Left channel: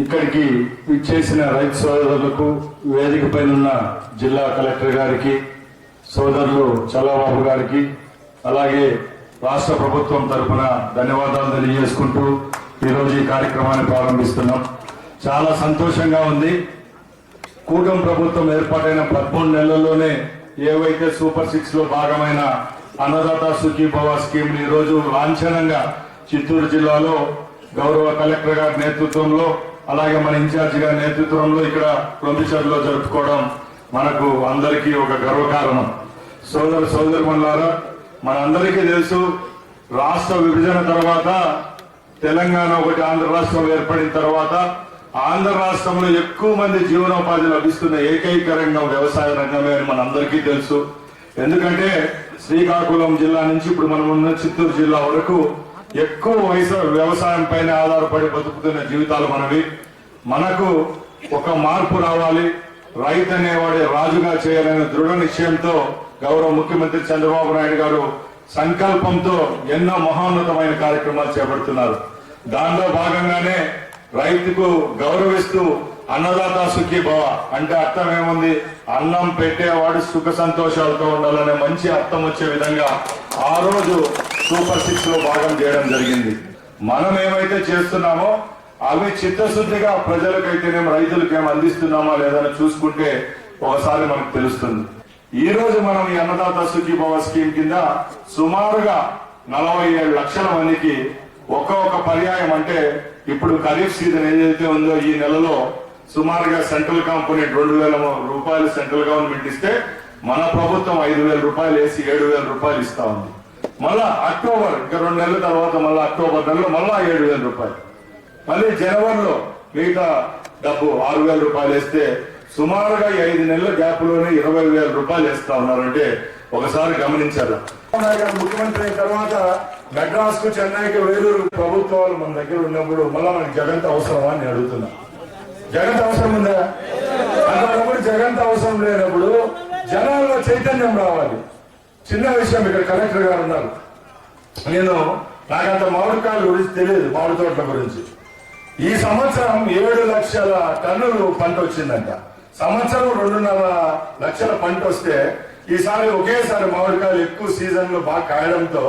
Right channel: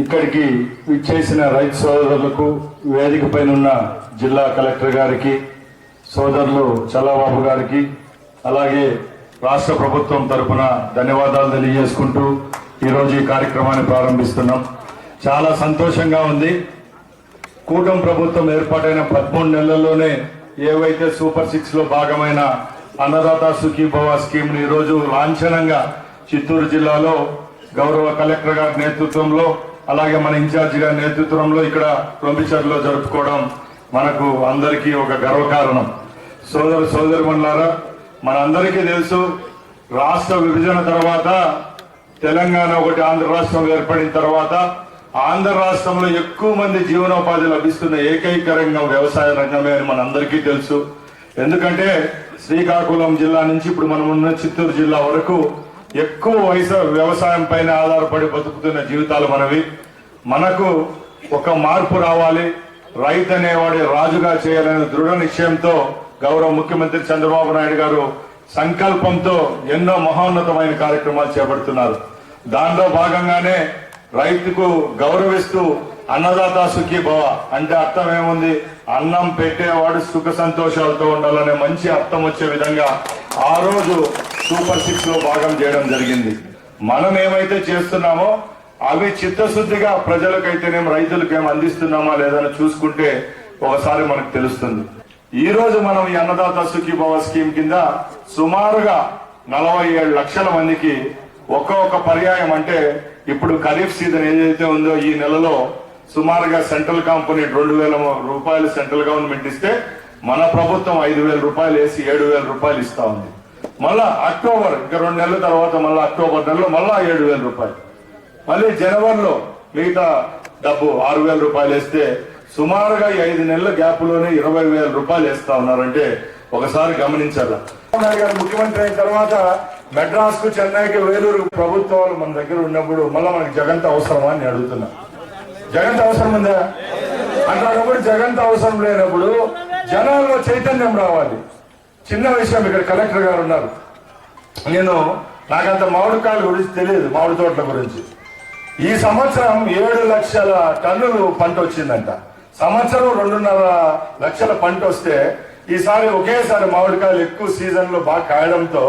ఇక్కడికి ఇచ్చేసిన రైతు సోదరులకు వేదిక పైన ఉన్న జిల్లా కలెక్టర్ గారికి, సోదరులు చల్లబాబు గారికి, అలాగే రాష్ట్ర ప్రభుత్వం తరఫున ధన్యవాదాలు తెలియజేసుకుంటూ ఈరోజు ఈ కార్యక్రమాన్ని ప్రారంభిస్తున్నాం. చాలా సంతోషంగా ఉంది. కూటమి ప్రభుత్వం ఏర్పాటైన 13 నెలల్లోనే ఏవైతే సూపర్ 6 లో భాగమైన అన్నదాత సుఖీభవ స్కీమ్ ని ఈరోజు లాంఛనంగా చిత్తూరు జిల్లాలో గౌరవ కలెక్టర్ గారి నేతృత్వంలో, అలాగే మన ఇన్ఛార్జి గారి నేతృత్వంలో ఇక్కడ ప్రొమిషన్లో జరుపుకోవడం మనకు అందరికీ ఒక గర్వకారణం. సోదరుమణులారా, మనందరికీ తెలుసు, రాష్ట్ర విభజన తర్వాత తెలంగాణ ఒకటి, ఆంధ్ర రాష్ట్రం ఏర్పడిన తర్వాత ఆంధ్ర రాష్ట్రంలో ఎక్కువ మంది జీవనోపాధి లభిస్తున్న ఏకైక రంగం వ్యవసాయ రంగమే అని మనందరికీ తెలుసు. ఎందుకంటే శ్రీకాకుళం జిల్లా నుంచి ఇప్పుడు మనం ఉన్న చిత్తూరు జిల్లా వరకు ఎక్కువ వ్యవసాయం పైన ఆధారపడి బతుకుతున్న జీవితాలు మనవి. మనకు ఒక మార్పు రావాలి, రైతు అనేవాడి రాజుగా చేయాలనే దృఢ నిశ్చయంతో గౌరవ ముఖ్యమంత్రి చంద్రబాబు నాయుడు గారు సంకల్పంతో ఎన్నో మహోన్నతమైన కార్యక్రమాలు చేపడుతున్నారు. దానిలో భాగంగానే రైతుకు గౌరవిస్తూ అన్నదాత సుఖీభవ అంటే అర్థం ఏముంది, అన్నం పెట్టేవాడు సుఖ సంతోషాలతో ఉండాలనే మంచి అర్థం వచ్చే విధంగా ఆ రోజు సూపర్ 6 లో భాగం చేయడం జరిగింది. మనం ఏమైతే చేస్తున్నామో అవి చిత్తశుద్ధిగా ప్రజలకైతేనేం రైతులకేం అందిస్తున్నామా లేదని చూసుకుంటే ఒకసారి మనకు తెలుస్తుంది. ఈ రోజు మనం ఈ అన్నదాత సుఖీభవ స్కీమ్ కింద సుమారుగా 47 లక్షల మందికి ఒక్కొక్క పర్యాయం, అంటే ఇప్పుడు ఖరీఫ్ సీజన్ ఏదైతే ఉందో ఈ నెలలో సుమారుగా సెంట్రల్ కంపెనీ 2,000 రూపాయలు సెంట్రల్ గవర్నమెంట్ ఇస్తే మన ప్రభుత్వం 5,000 రూపాయలు వేసి 7,000 రూపాయలు ఇస్తా ఉంది. మళ్ళా అక్టోబర్, ఇంకా 2 నెలల తర్వాత మళ్ళీ అక్టోబర్ నెలలో మళ్ళా 7,000 రూపాయలు, మళ్ళీ జనవరిలో మిగతా డబ్బు 6,000 రూపాయలు వేస్తే సుమారుగా 5 నెలల గ్యాప్ లోనే 20,000 రూపాయలు వేస్తా ఉన్నారంటే ఒకసారి గమనించారా. ముఖ్యమంత్రి అయిన తర్వాత మెడ్రాస్ కు, చెన్నైకి, వేలూరు ప్రభుత్వాలు మన దగ్గర ఉన్నప్పుడు మళ్ళా మనకి జగంత అవసరమా అని అడుగుతున్నా. జగంత అవసరం ఉందా? అట్లాంటప్పుడు జగంత అవసరం లేనప్పుడు జనాల్లో చైతన్యం రావాలి. చిన్న విషయం, ఇక్కడ కలెక్టర్ గారు ఉన్నారు, నాకంత మామిడికాయల గురించి తెలియదు, మామిడి తోటల గురించి. ఈ సంవత్సరం 7 లక్షల టన్నులు పంట వచ్చిందంట. సంవత్సరం 2.5 లక్షల పంట వస్తే ఈసారి ఒకేసారి మామిడికాయలు ఎక్కువ సీజన్ లో బాగా కాయడంతో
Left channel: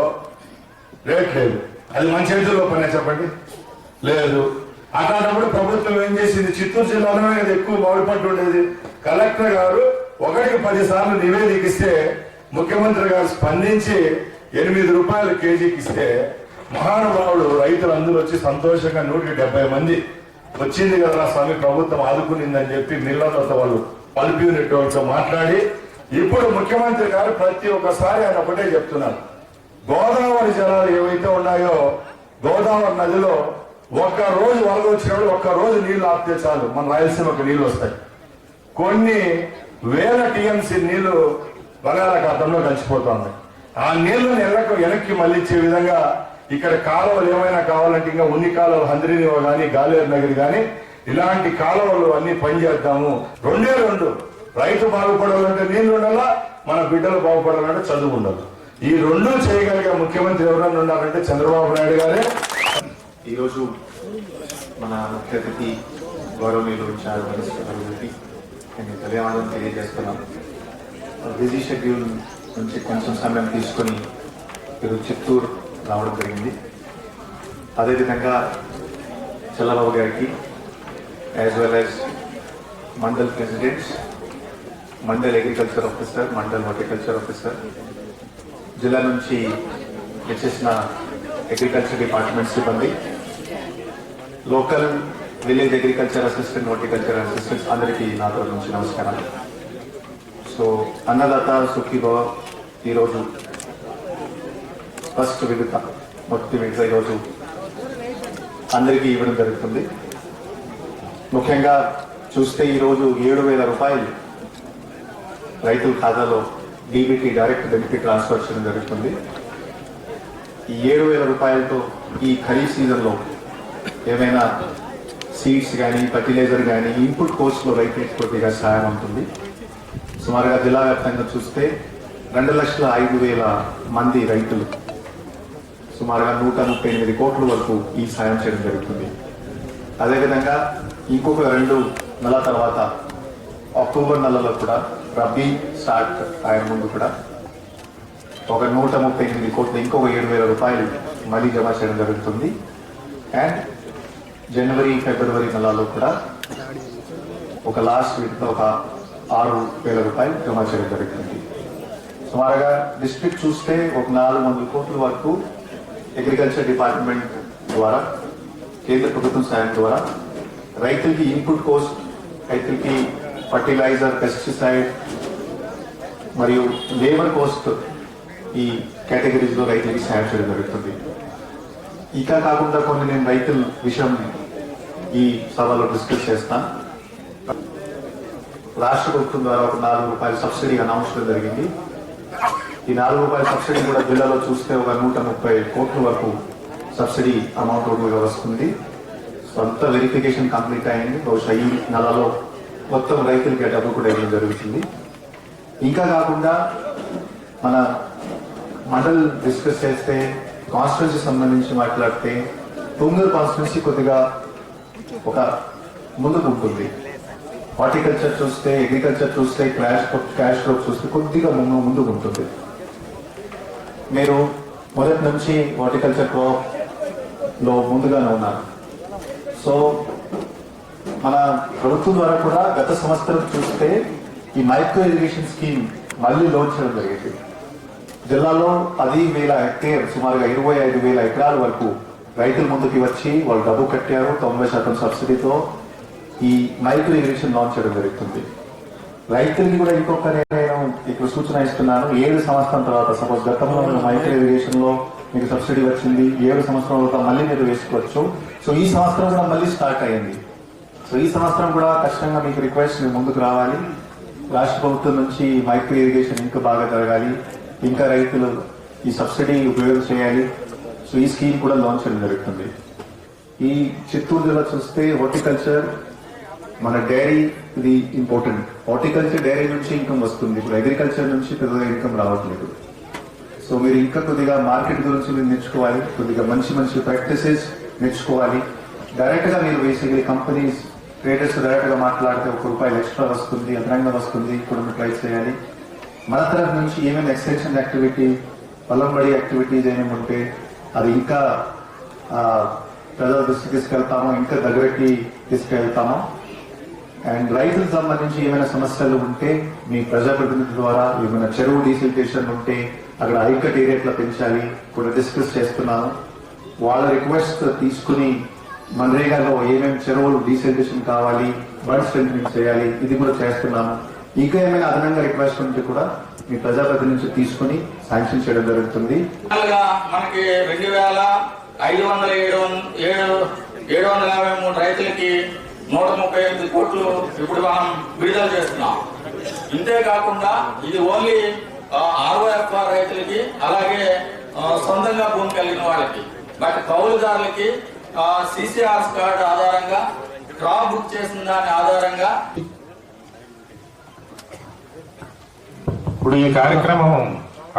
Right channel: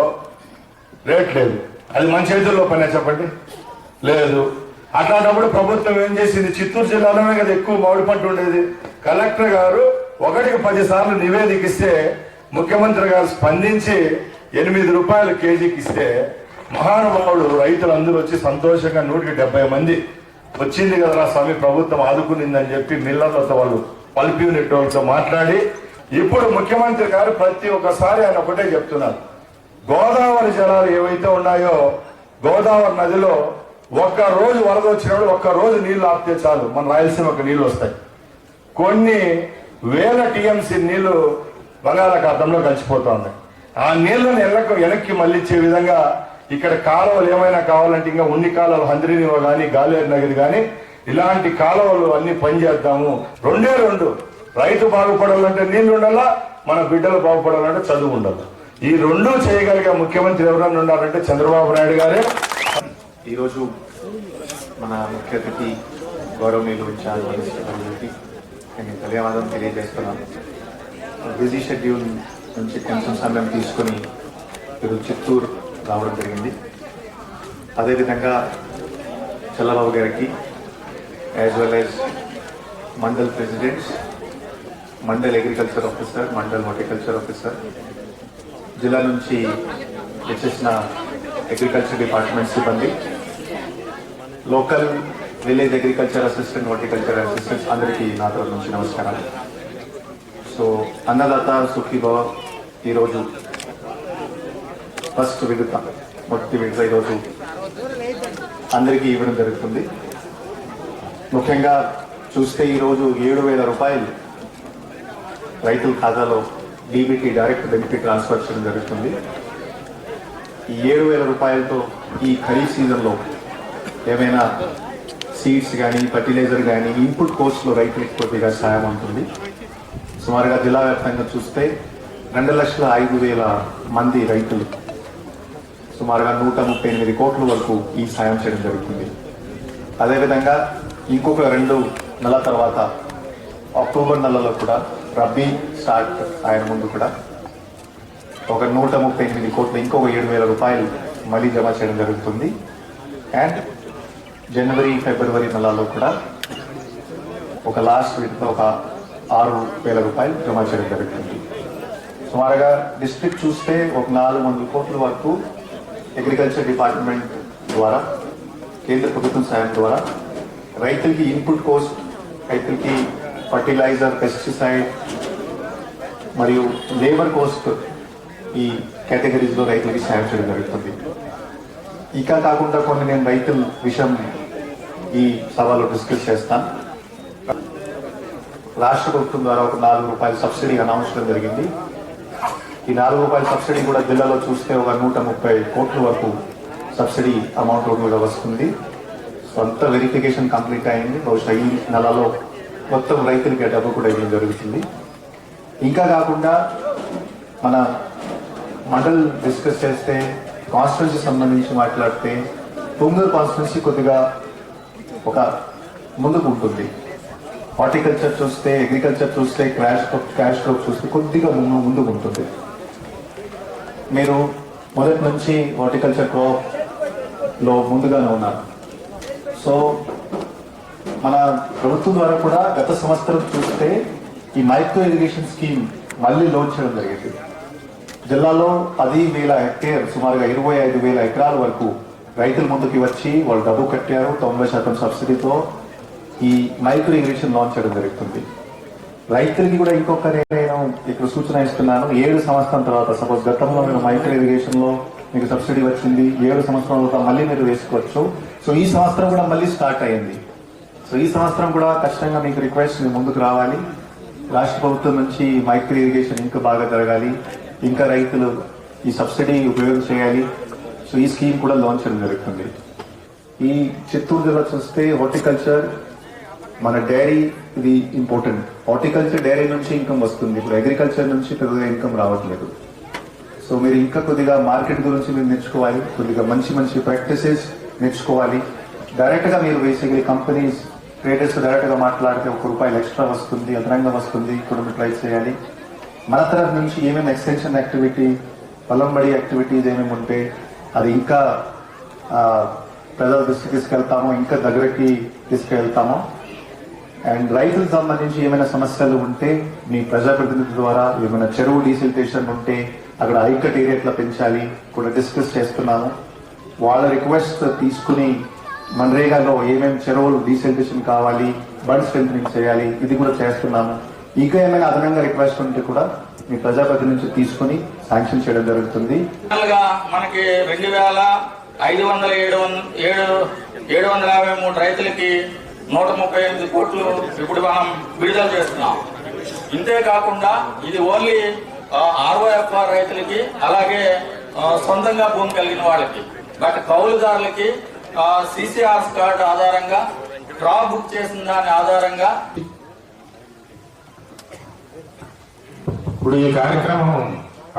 రేట్ లేదు. అది మన చేతుల్లో పనే చెప్పండి, లేదు. అట్లాంటప్పుడు ప్రభుత్వం ఏం చేసింది, చిత్తూరు జిల్లాలోనే కదా ఎక్కువ మామిడి పంట ఉండేది. కలెక్టర్ గారు 1కి 10 సార్లు నివేదికిస్తే ముఖ్యమంత్రి గారు స్పందించి 8 రూపాయలు కేజీకి ఇస్తే మహానుభావుడు రైతులందరూ వచ్చి సంతోషంగా 170 మంది వచ్చింది కదా స్వామి ప్రభుత్వం ఆదుకునిందని చెప్పి మిల్లర్లతో, వాళ్ళు పల్ప్ యూనిట్ వాళ్ళతో మాట్లాడి ఇప్పుడు ముఖ్యమంత్రి గారు ప్రతి ఒక్కసారి ఆయన ఒకటే చెప్తున్నారు, గోదావరి జలాలు ఏవైతే ఉన్నాయో గోదావరి నదిలో ఒక్క రోజు వరద వచ్చినప్పుడు ఒక్క రోజు నీళ్లు ఆపితే చాలు మన రాయలసీమకు నీళ్లు వస్తాయి. కొన్ని వేల టీఎంసీ నీళ్లు బంగాళాఖాతంలో కలిసిపోతుంది. ఆ నీళ్లను వెనక్కి మళ్ళించే విధంగా ఇక్కడ కాలువలు ఏమైనా కావాలంటే ఇంకా ఉన్ని కాలువలు హంద్రీనివో కానీ, గాలేరు నగర్ కానీ ఇలాంటి కాలువలు అన్ని పనిచేద్దాము. 2 రైతు బాగుపడాలంటే నీళ్లు ఉండాలా, మన బిడ్డలు బాగుపడాలంటే చదువు ఉండాలి. ఈ 2 చేయగలిగే ముఖ్యమంత్రి ఎవరైనా ఉన్నారంటే చంద్రబాబు నాయుడు గారే. ఈరోజు మన ముఖ్య అతిథి గౌరవనీయులు ఇన్ఛార్జి నేను ధన్యవాదం తెలియజేస్తున్నాను. బిజీ షెడ్యూల్ నుంచి కొంచెం సమయం తీసుకొని ఈరోజు చిత్తూరు రావడం జరిగింది. అదేవిధంగా చల్లబాబు గారికి as well as mandal presidents, mandal agriculture officer, mandal horticulture officer, జిల్లా నుంచి వచ్చేసిన అగ్రికల్చర్ డిపార్ట్మెంట్ సిబ్బంది, local village agriculture assistant, horticulture assistants అందరికీ నా తరఫు నుంచి నమస్కారాలు. సో అన్నదాత సుఖీభవ ఈరోజు ఫస్ట్ విడత, మొదటి విడత ఈరోజు అందరికీ ఇవ్వడం జరుగుతుంది. ముఖ్యంగా చూస్తే ఈరోజు 7,000 రూపాయలు రైతుల ఖాతాలో డీబీటీ, డైరెక్ట్ బెనిఫిట్ ట్రాన్స్ఫర్ చేయడం జరుగుతుంది. ఈ 7,000 రూపాయలతో ఈ ఖరీఫ్ సీజన్లో ఏమైనా సీడ్స్ కానీ, ఫర్టిలైజర్ కానీ, ఇన్పుట్ కోస్ట్లో రైతులకు కొద్దిగా సాయం ఉంటుంది. సుమారుగా జిల్లా వ్యాప్తంగా చూస్తే 2,05,000 మంది రైతులు సుమారుగా 138 కోట్ల వరకు ఈ సాయం చేయడం జరుగుతుంది. అదేవిధంగా ఇంకొక 2 నెలల తర్వాత అక్టోబర్ నెలలో కూడా రబీ స్టార్ట్ ఆయన ముందు కూడా ఒక 138 కోట్లు ఇంకొక 7,000 రూపాయలు మళ్ళీ జమ చేయడం జరుగుతుంది. అండ్ జనవరి ఫిబ్రవరి నెలలో కూడా ఒక లాస్ట్ వీక్లో ఒక 6,000 రూపాయలు జమ చేయడం జరుగుతుంది. సుమారుగా డిస్ట్రిక్ట్ చూస్తే ఒక 400 కోట్ల వరకు అగ్రికల్చర్ డిపార్ట్మెంట్ ద్వారా కేంద్ర ప్రభుత్వం సాయం ద్వారా రైతులకి ఇన్పుట్ కాస్ట్, రైతులకి ఫర్టిలైజర్, పెస్టిసైడ్ మరియు లేబర్ కాస్ట్ ఈ కేటగిరీస్లో రైతులకి సాయం చేయడం జరుగుతుంది. ఇంకా కాకుండా కొన్ని నేను రైతుల విషయం ఈ సభలో డిస్కస్ చేస్తాను. రాష్ట్ర ప్రభుత్వం ద్వారా ఒక 4 రూపాయల సబ్సిడీ అనౌన్స్ చేయడం జరిగింది. ఈ 4 రూపాయల సబ్సిడీ కూడా జిల్లాలో చూస్తే ఒక 130 కోట్ల వరకు సబ్సిడీ అమౌంట్ టోటల్గా వస్తుంది. సొంత వెరిఫికేషన్ కంప్లీట్ అయింది. బహుశా ఈ నెలలో మొత్తం రైతులకి డబ్బు కూడా ఇవ్వడం జరుగుతుంది. ఇంకా కాకుండా మన మండల్ డిస్కస్ చేస్తే కాన్స్టిట్యున్సీ సంబంధించి మాట్లాడితే తుంగూరు కాన్స్టిట్యున్సీ కొద్దిగా ఒక ముందుకు ఉంటుంది. హార్టికల్చర్ చూస్తే, అగ్రికల్చర్ చూస్తే, క్యాష్ క్రాప్ చూస్తే కొద్దిగా ముందుకు ఉంటుంది. మీరు మొదటి నుంచి హార్టికల్చర్ క్రాప్లో ముందుగానే ఉన్నారు. సో మన ప్రభుత్వం ద్వారా కూడా గత సంవత్సరం చూస్తే ఈ మైక్రో ఇరిగేషన్ స్కీమ్ మళ్ళీ లాంచ్ చేయడం జరిగింది. జిల్లాలో 10,000 హెక్టేర్, సుమారుగా 25,000 ఎకరాల వరకు రైతుల ముందుకి వచ్చి వాళ్ళు డబ్బు కట్టారు. 90% సబ్సిడీతో ఈ మైక్రో ఇరిగేషన్ లాంచ్ చేయడం జరుగుతుంది. రైతులకి కూడా ఇంకొక నేను ఇక్కడ సూచన ఇస్తున్నాను. 7 సంవత్సరం తర్వాత, సపోజ్ గతంలో మీరు మైక్రో ఇరిగేషన్ లో మీకు సబ్సిడీ వచ్చింది, 7 సంవత్సరం తర్వాత మళ్ళీ మీరు వేసుకోవచ్చు. సో ఈ సంవత్సరం కూడా మళ్ళీ స్టార్ట్ అయ్యింది. సో ఈ సంవత్సరం కూడా ఖచ్చితంగా మీకు రిక్వెస్ట్, మీరు ముందుకు రావాలి. రాష్ట్ర ప్రభుత్వం నుంచి మైక్రో ఇరిగేషన్ ఇంకా బాగా జరగాలి, ఇంకా రైతులు ఈ సబ్సిడీ ఉపయోగం చేయాలి. సో ఈ స్కీమ్ కూడా లాంచ్ చేయడం జరుగుతుంది. ఈ చిత్తూరు జిల్లా చూస్తే హార్టికల్చర్, మన డైరీ ఇది ఇంపార్టెంట్. హార్టికల్చర్ డైరీ నుంచి ఇన్కమ్ వస్తుంది. ఇప్పుడు అగ్రికల్చర్ నుంచి పెద్దగా ఇన్కమ్ రావట్లేదు. సో మీరు ఇంకా కొద్దిగా మార్కెట్ గురించి మీరు నేర్చుకోవాలి, కొద్దిగా మంచి ప్రాక్టీసెస్ నేర్చుకోవాలి. డైరెక్ట్ గా మీరు బేసిక్లీ కంపెనీస్, ట్రేడర్స్ డైరెక్ట్ గా మాట్లాడితే ₹1 ఎక్స్ట్రా వస్తుంది, అదనంగా వస్తుంది, కూడా మీరు ట్రై చేయాలి. మన తరఫు నుంచి ఏమేమి ఎక్స్టెన్షన్ యాక్టివిటీ, పొలంబడి యాక్టివిటీస్ ఏమేమి ఉంటే అది ఇంకా ప్రజల దృష్టికి తీసుకెళ్తాము, ఇంకా దగ్గరికి తీసుకెళ్తాము. అండ్ రైతులకు సంబంధించి ఏమైనా సమస్యలు ఉంటే మీ ప్రజాప్రతినిధుల ద్వారా, ఏమైనా చెరువు డీసిల్టేషన్ ఉంటే అక్కడ ఐకట్ ఏరియా పెంచాలి కూడా డిస్కస్ చేస్తున్నాము. వాళ్ళ రిక్వెస్ట్ తీసుకుని మన్రేగాలో ఏమేమి చెరువులు డీసిల్టేషన్ కావాలి, బర్డ్ స్ట్రెంథనింగ్ చేయాలి, ఇది కూడా చేస్తున్నాము. ఇంకా ఏమైనా అదనంగా రిక్వెస్ట్ ఉంటే కూడా మీ ప్రజాప్రతినిధి నుంచి తీసుకుని శాంక్షన్ చేయడం జరుగుతుంది. మనకి 2,753 రైతులకి 138 కోట్లు ఇప్పుడు మనం విడుదల చేస్తున్నాం. ఇంతేకాకుండా ఇది ఓన్లీ ROFR రైతులకి, అలాగే సొంతంగా భూమి కలిగిన వాళ్ళకి. బట్ కౌలుదారులకి CCR కార్డు ఆధారంగా, క్రాప్ బుక్ చేసిన దాని ఆధారంగా ఇప్పుడు ఈ కార్యక్రమం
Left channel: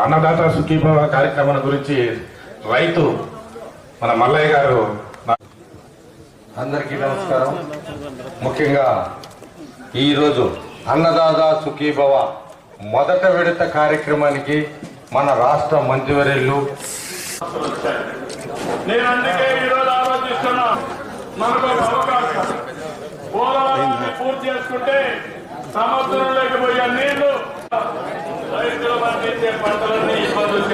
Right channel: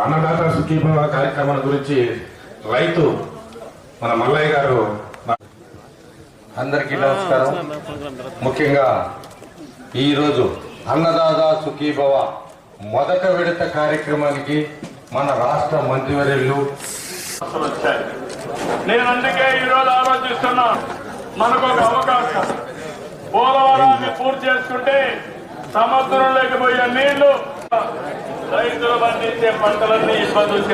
అన్నదాత సుఖీభవ కార్యక్రమం గురించి రైతు మన మల్లయ్య గారు. అందరికీ నమస్కారం. ముఖ్యంగా ఈరోజు అన్నదాత సుఖీభవ మొదట విడత కార్యక్రమానికి మన రాష్ట్ర మంత్రివర్యులు, నేను అందుకే ఈరోజు ఆలోచిస్తున్నా, మనకు ఒక అవకాశం, పోలవరాన్ని పూర్తి చేసుకుంటే సముద్రం లేకపోయే నీళ్లు రైతులు పండించే పంటలన్నీ ఇబ్బందులు